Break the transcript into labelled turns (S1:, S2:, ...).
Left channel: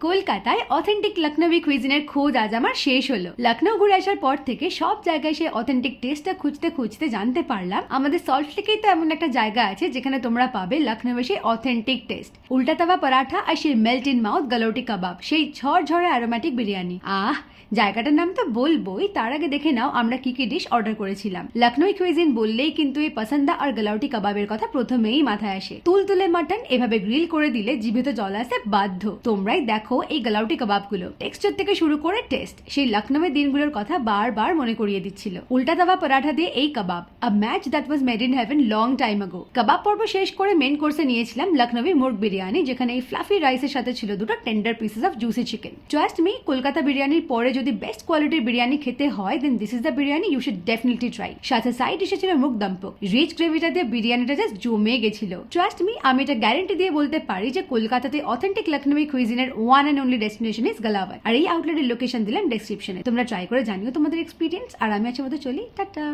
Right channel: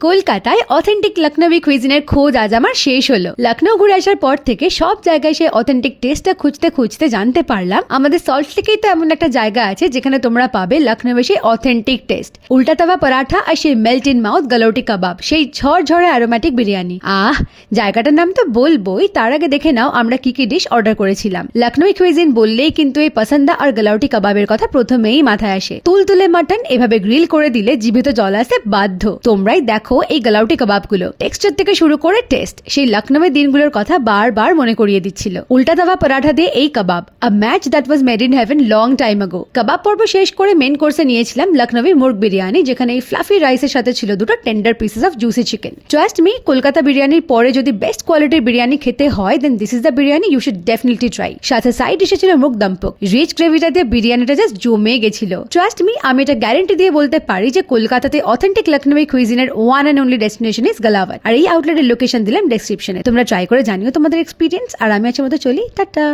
S1: কলকাতায় অথেন্টিক লখনৌই কুইজিনের খোঁজ আজ আমার শেষ হলো। লখনৌ ঘুরে আসার পর থেকে সব জায়গায় সেই অথেন্টিক টেস্টটা খুঁজতে খুঁজতে জানতে পারলাম। আমাদের সল্ট লেকেই তো এমন একটা জায়গা আছে যেখানে তোমরা পাবে লখনৌয়ে সেই অথেন্টিক টেস্ট উল্টা তাওয়া পরাঠা আর সেই melt in mouth galouti kebab, সেই ঝড় ঝড়ে অ্যারোম্যাটিক বিরিয়ানি। আহ, জায়গাটার নাম তো বলবোই, তার আগে দেখে নাও আমরা কি কি ডিশ অর্ডার করেছিলাম। লখনৌ কুইজিন বললেই কিন্তু এই পসন্দা আর গালাউটি কাবাবের কথা প্রথমেই মাথায় আসে। তুলতুলে মাটন এভাবে গ্রিল করে দিলে জিভে তো জল আসে বাধ্য। তোমরাই দেখো এই গালাউটি কাবাবগুলো। টেক্সচার থেকে শুরু করে টেস্ট সেই লখনৌয়ের দিনগুলোর কথা বারবার মনে করিয়ে দিচ্ছিল। উল্টা তাওয়া পরাঠা দিয়ে এই kebab a match that was made in heaven long time ago kebab পর্ব শেষ করে মেন কোর্সে নিয়েছিলাম লখনৌই মুর্গ বিরিয়ানি, যেখানে এই ফ্লাফি রাইসের সাথে ছিল দুটো tender pieces of juicy chicken trust me Kolkata বিরিয়ানির পরে যদি বেস্ট কোয়ালিটির বিরিয়ানি খেতে হয় then this is the biryani you should definitely try সাথে সাইড এসেছিল মুগ দম্পক। রিচ গ্রেভিটা দিয়ে বিরিয়ানিটা জাস্ট জমে গেছিল। ট্রাস্ট মি আমি এটা গ্যারেন্টি দিয়ে বলতে পারি যে কলকাতাতে authentic Lucknowi কুইজিনের one and only destination is গালাওয়ার আর এই আউটলেটের লোকেশন দিলাম ডেসক্রিপশনে তোমরা ট্রাই করে জানিও তোমাদের এক্সপিরিয়েন্স আর আমি আজকের মতো চলি। টাটা।